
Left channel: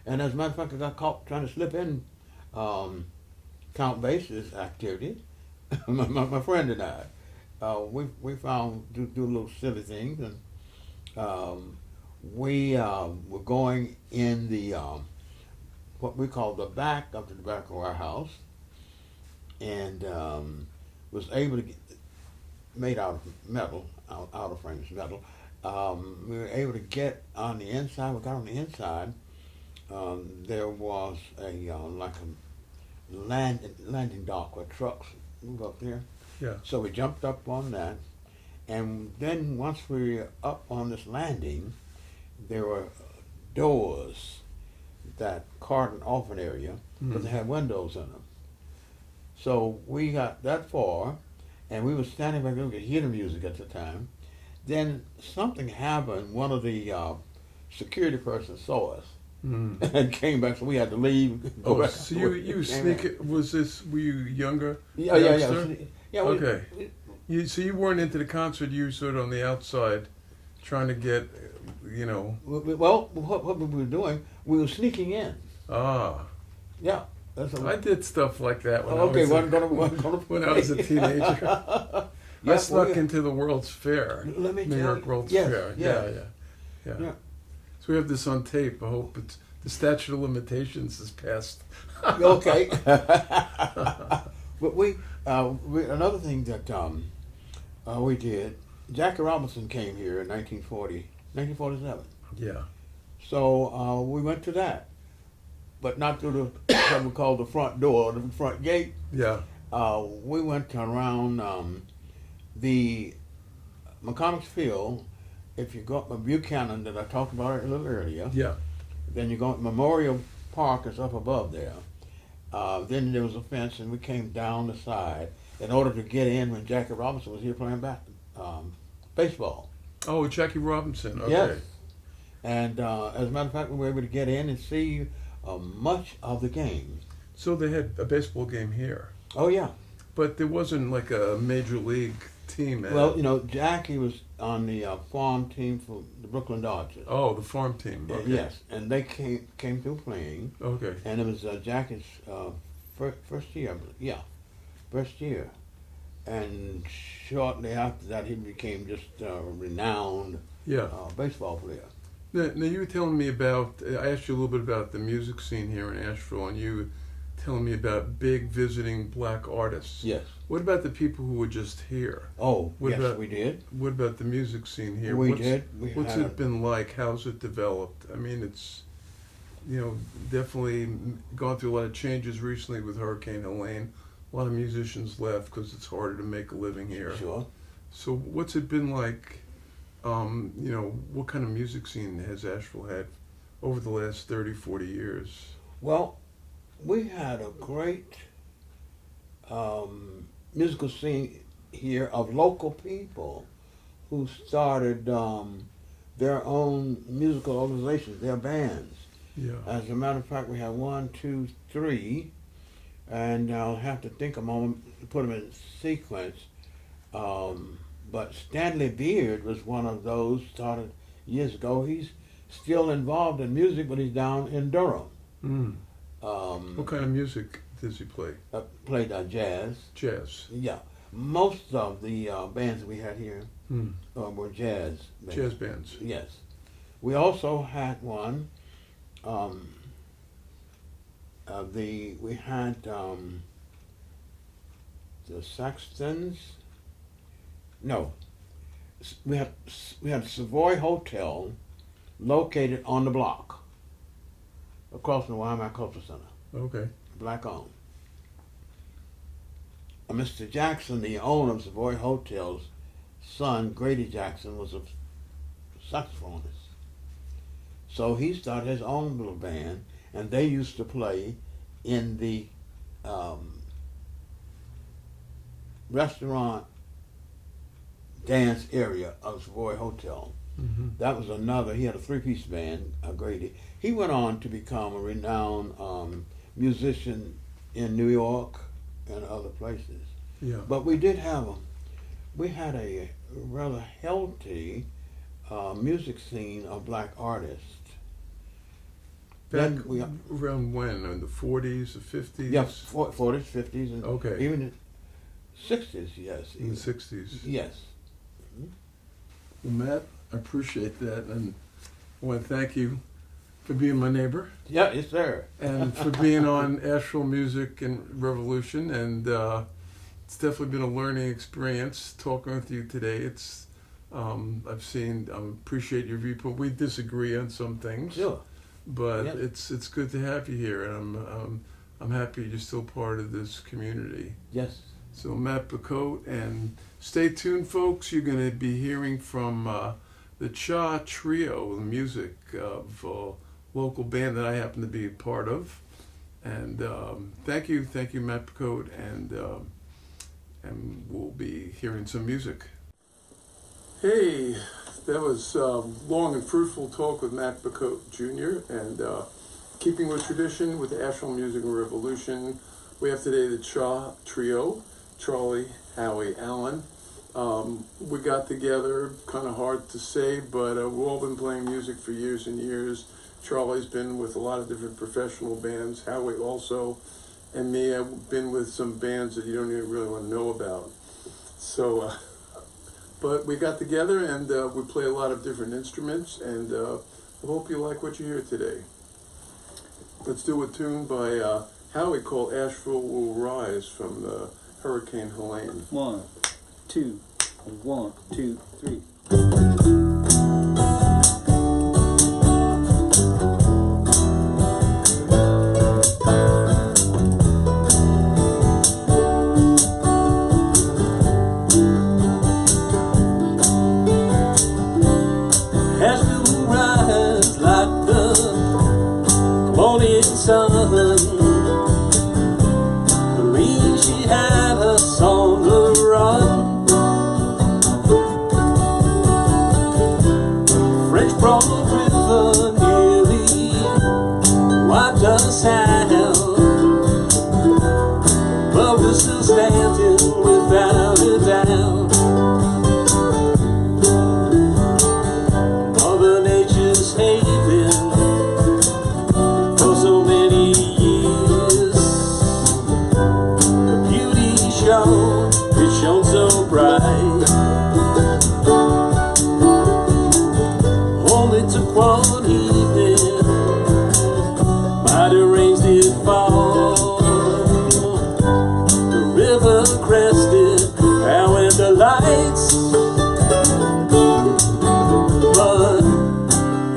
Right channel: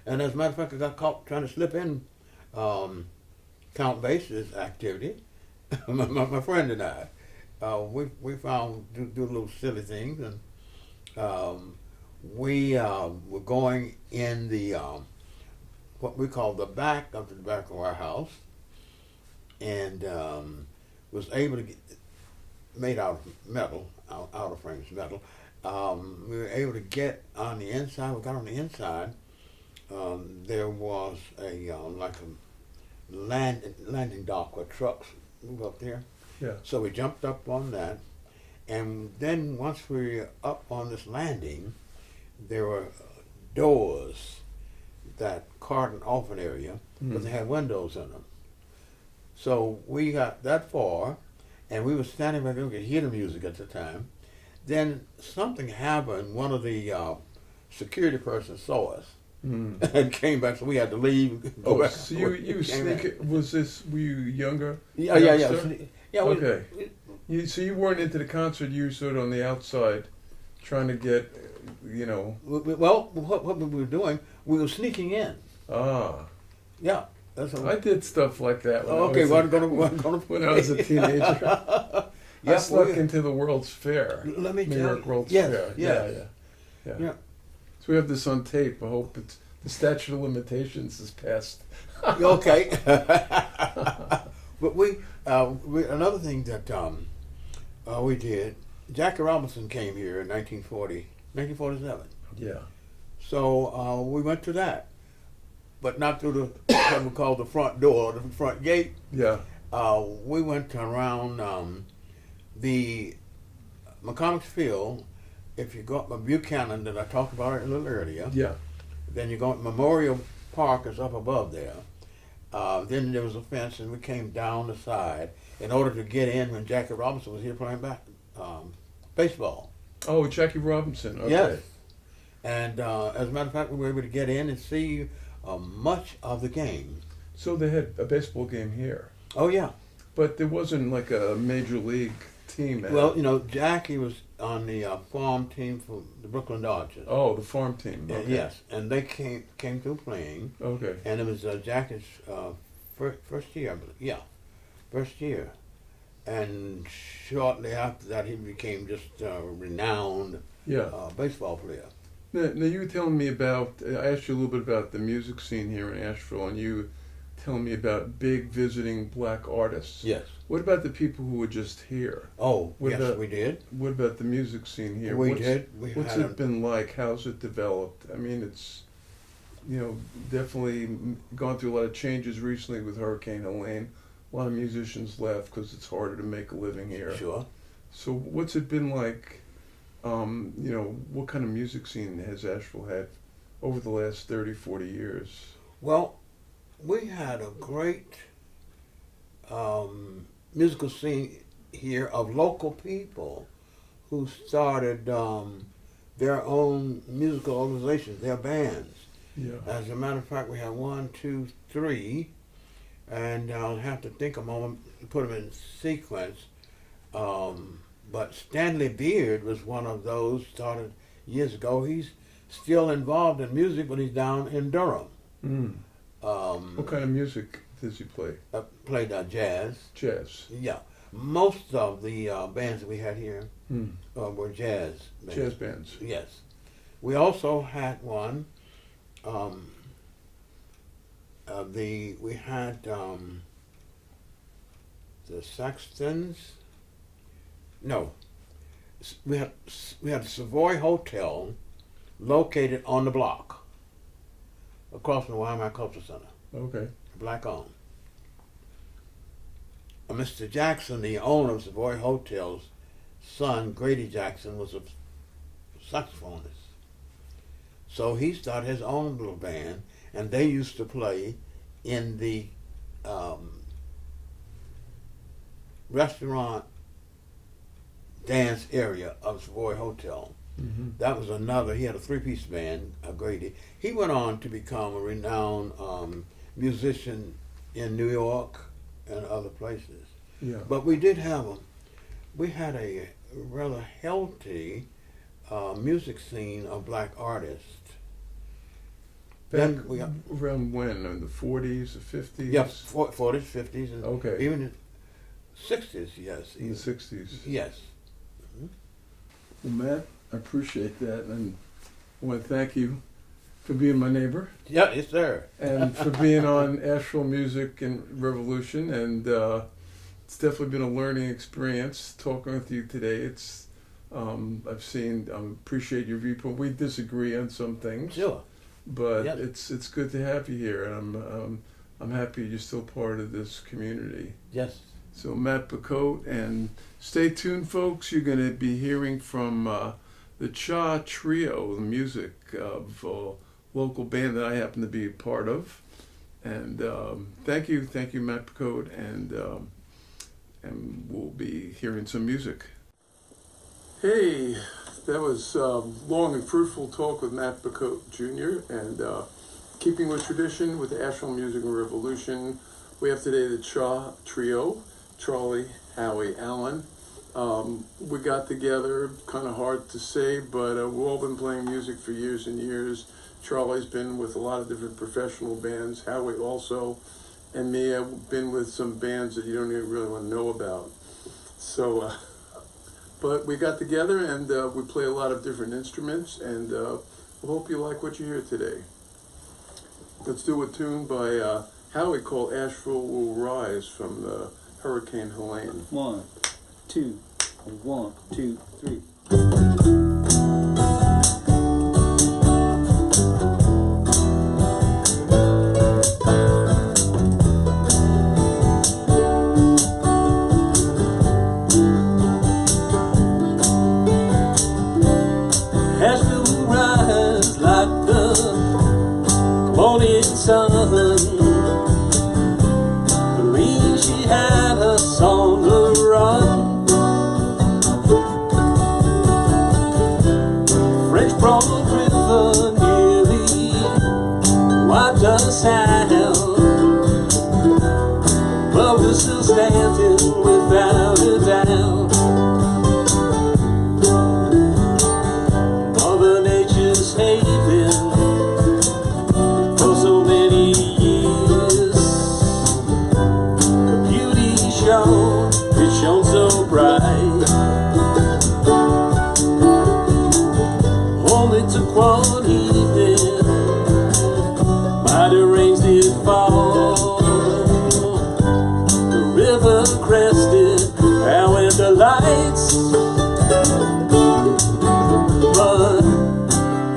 And as a matter of fact, I got caught trying to slip in Count Basie's activity. my friend and I, we found do little silly things, and we were going in the what we call the back of the tobacco warehouse, and was able to get made out of metal, out of frames metal. We were able to get on the inside. We got on the inside. There was a like a landing dock where trucks move up there. Yeah. So we jumped up on that, and then once we were up on this landing, there were doors that cordoned off an area because they had windows in them. So we got that far, and we were standing back there. We could hear the music at the time. Then something happened. One of the security persons saw us and came back, so we had to leave. Oh, so you sneak it, were you younger? Yeah. Yeah. Okay. So you weren't into the concert, you were sort of on the outside trying to get, you know. Well, what we were doing, we were sneaking in. Ah. Yeah. That's what I did stuff like that when okay, when I was a teenager. I snuck well, into the World's Fair, let me New tell York you. World's Yes, Fair. yes. Yeah. Yeah. So we have this on tape. I hope the statute of limitations is passed. Okay. But we another thing that we did, Jackie Robinson came here in 1947. Yeah. So we went to that, but not through the what we call the front door, the front gate. Yeah. We went around the McComics Field. If you go up Buchanan, that I talked about it a little earlier, Yeah. then you go up Memorial Park is up above there. Then there was a fence, and we came down the side in order to get in when Jackie Robinson was here playing baseball. Oh, Jackie Robinson. Okay. Yes. And as a matter of fact, we were able to get in and see much of the game. So they had a baseball game here, Oh yeah. but there wasn't like a major league team. Well, you know, Jackie was on the farm team for the Brooklyn Dodgers. Oh, the farm team. Okay. Yes, and they came through playing, Okay. and it was Jackie's first year. Yeah, first year. And shortly after that, he became just a renowned Yeah. baseball player. Now you were telling me about. I asked you a little bit about the music scene here in Asheville, and you were telling me about big visiting black artists. Yes. What about the people who were just here? Oh, What yes, about- we did. What about the music scene here? We what's, did. We What's had it been like? How's it developed? I mean, it's, you know, definitely gone through a lot of changes recently with Hurricane Helene. A lot of musicians left because it's harder to make a living here. Sure. So what's it been like? You know, what kind of music scene has Asheville had over the last 30, 40 years? Well, we had a great musical scene here of local people who started their own musical organizations, their bands. Yeah. As a matter of fact, we had 1, 2, 3, and I'll have to think a moment to put them in sequence. But Stanley Beard was one of those, started years ago. He's still involved in music, but he's down in Durham. Mm. What kind of music does he play? Played jazz. Jazz. Yeah. Most of the bands that we had here were jazz bands. Jazz bands. Yes. We also had one. We had the Saxtons. No, we had a Savoy Hotel located on the block across from the Wyoming Cultural Center. Okay. Black owned. Mr. Jackson, the owner of Savoy Hotel's son, Grady Jackson, was a saxophonist. So he started his own little band, and they used to play in the restaurant dance area of Savoy Hotel. That was another. He had a three-piece band, Grady. He went on to become a renowned musician in New York and other places. Yeah. But we had a rather healthy music scene of black artists. Back we got, around when? In the 40s, the 50s? yes, 40s, 50s, and Okay. even the 60s, yes. In the 60s. Yes. Well, Matt, I appreciate that, and I want to thank you for being my neighbor Yeah, yes, sir. and for being on Asheville Music and Revolution. And it's definitely been a learning experience talking with you today. It's appreciate your viewpoint. We disagree on some things, Sure. but Yes. it's good to have you here, and I'm happy you're still part of this community. Yes. So Matt Bacoate, and stay tuned, folks. You're going to be hearing from the Cha Trio, the music of a local band that I happen to be a part of. And thank you, Matt Bacoate, and we'll be hearing some music. Hey, that was long and fruitful talk with Matt Bacoate Jr. And keeping with tradition with the Asheville Music and Revolution, we have today the Cha Trio. Charlie, Howie, Alan. We got together, kind of hard to say, but we've all been playing music for years and years. Charlie's been with a lot of different professional bands. Howie also, and me, I've been with some bands that you don't even really want to know about. So, but we got together and we play a lot of different instruments, and we hope you like what you hear today. Let's do a tune by Howie called Asheville Will Rise from the Hurricane Helene. 1, 2, 1, 2, 3. Asheville will rise like the morning sun. She had us on the run. French Broad River nearly wiped us out, but we're still standing without a doubt. Mother Nature's haven for so many years. It shone so bright. Only took one evening, mighty rains did fall. The river crested and went the lights. But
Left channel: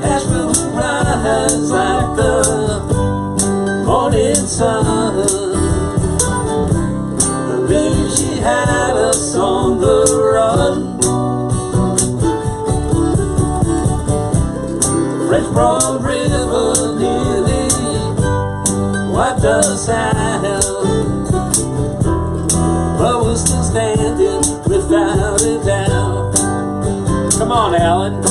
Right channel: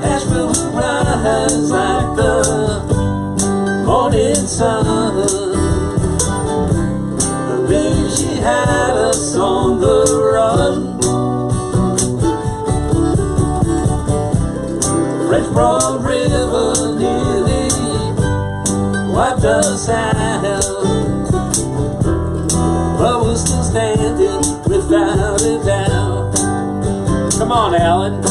Asheville will rise like the morning sun. She had us on the run. French Broad River nearly wiped us out, but we're still standing without a doubt. Come on, Alan.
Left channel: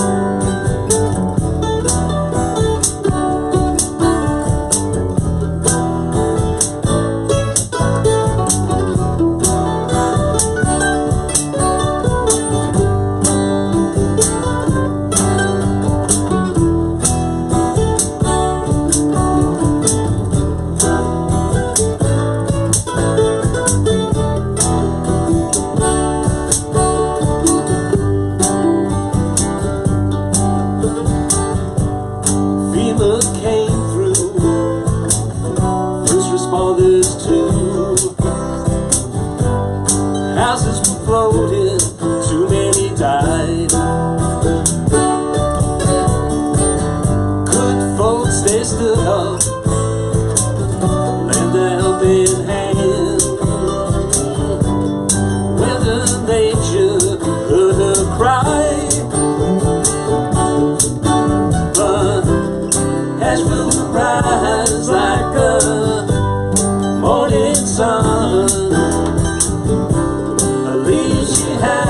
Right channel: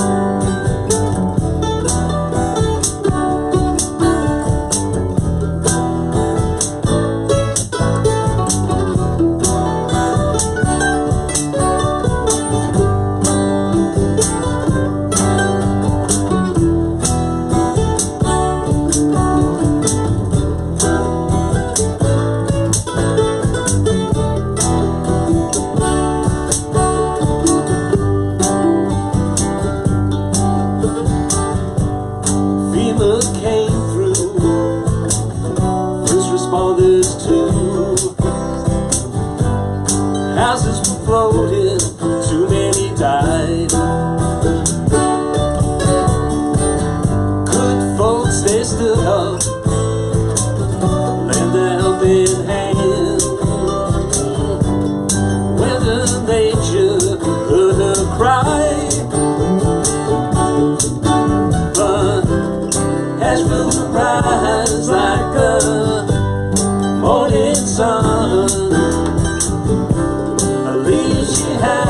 Houses were floated, too many died. Good folks, they stood up, lend a helping hand. Whether nature heard her cry, but Asheville will rise like the morning sun. She had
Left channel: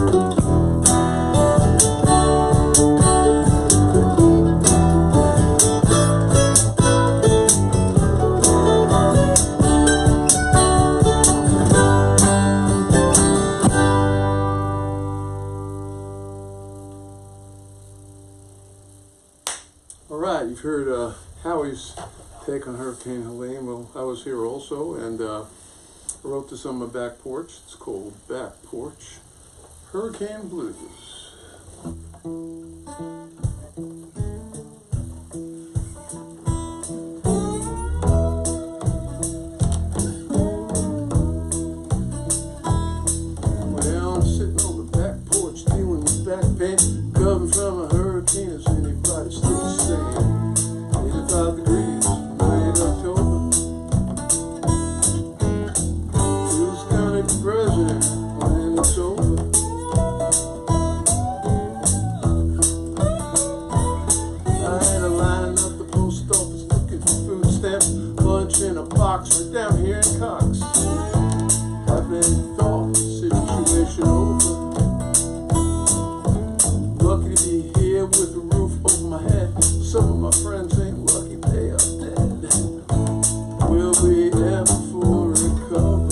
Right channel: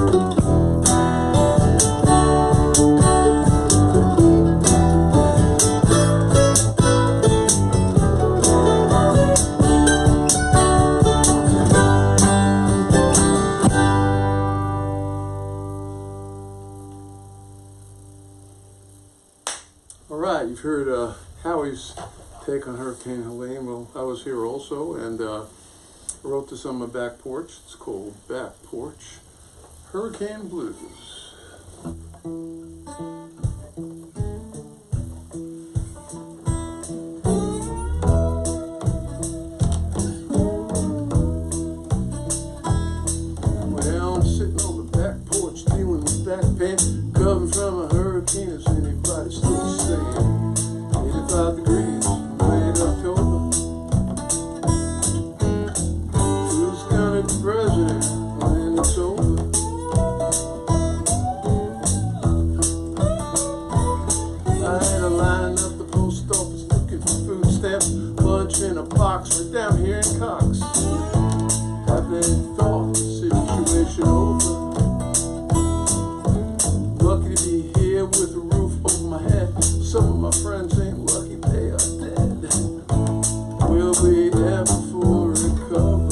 All right, you've heard Howie's take on Hurricane Helene. Well, I was here also, and I wrote this on my back porch. It's called Back Porch Hurricane Blues. Well, I'm sitting on the back porch dealing with back pain, recovering from a hurricane. Is anybody still staying? 85 degrees, late October. Who's gonna be president when it's over? I had to line up the post office looking for food stamps, lunch in a box right down here in Cox. Haven't thought the situation over. Lucky to be here with a roof over my head. Some of my friends ain't lucky, they are dead. Will we ever fully recover?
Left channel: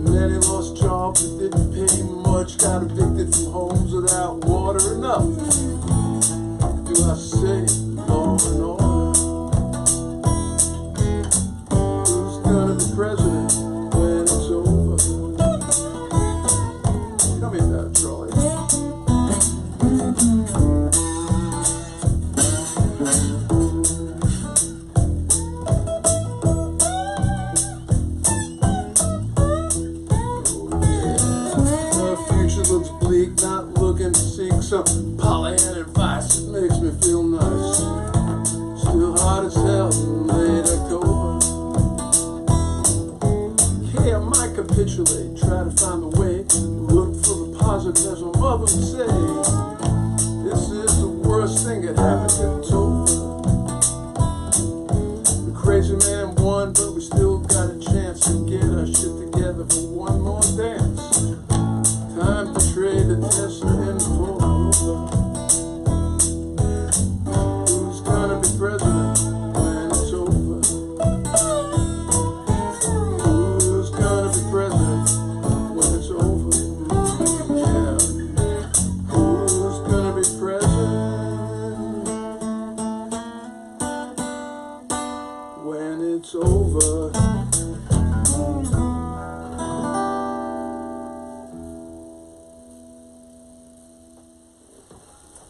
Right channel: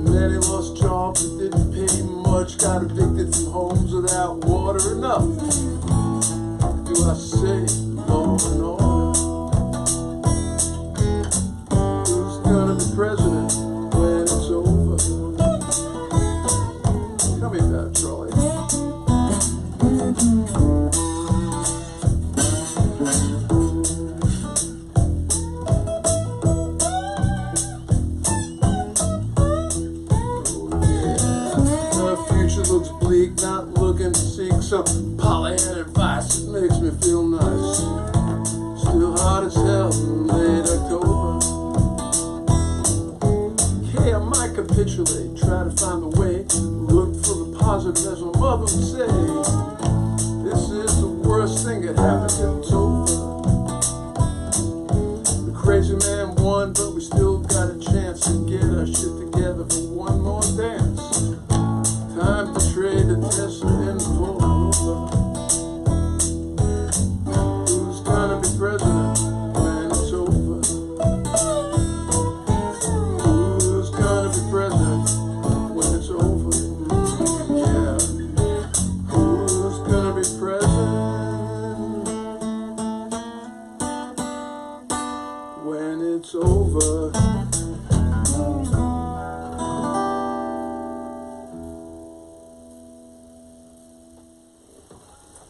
Many lost jobs that didn't pay much, got evicted from homes without water enough. Do I say law and order? Who's gonna be president when it's over? Tell me about it, Charlie. Looks bleak, not looking to seek some Pollyanna advice that makes me feel nice. Still hot as hell in late October. Hey, I might capitulate, try to find a way, look for the positive as my mother would say. This is the worst thing that happened if it's over. The crazy man won, but we still got a chance to get our shit together for one more dance. Time to trade the Tesla in for Rover. Who's gonna be president when it's over? Who's gonna be president when it's over? Yeah. Who's gonna be president when it's over?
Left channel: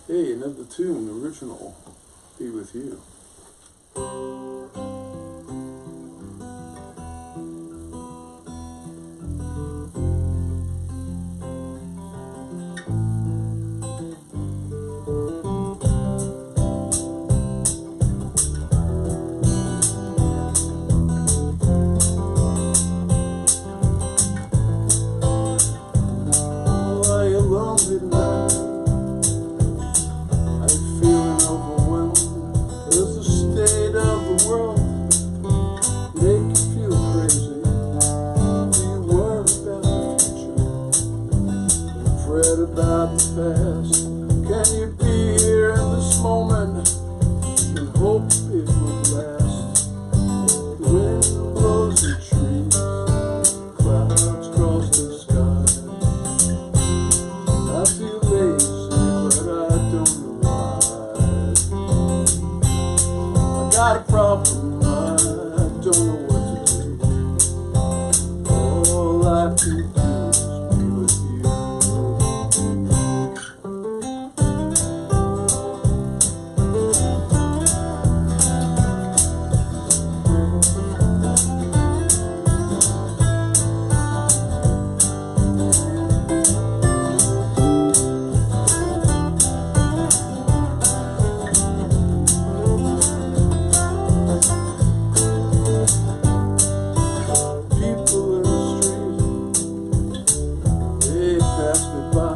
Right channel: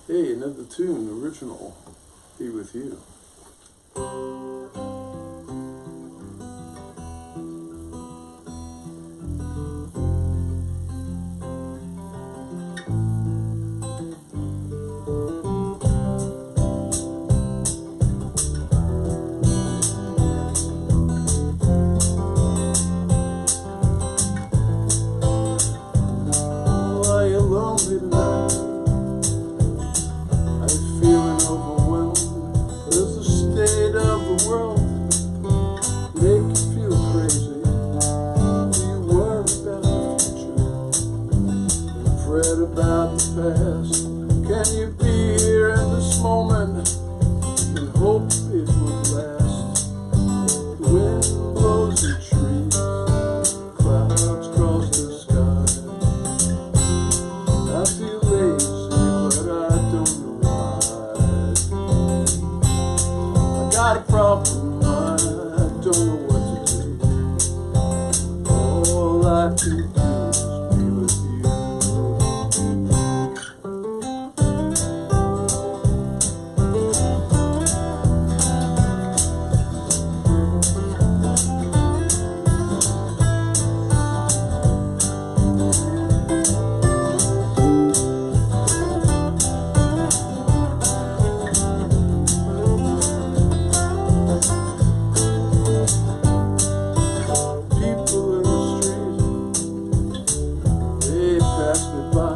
Hey, another tune, original, Be With You. Oh, are you lonely tonight? About the past, can you be here in this moment and hope it would last? The wind blows the trees, clouds cross the sky. I feel lazy, but I don't know why. I got a problem, I don't know what to do. All I can do is be with you. People in the street, they pass me by.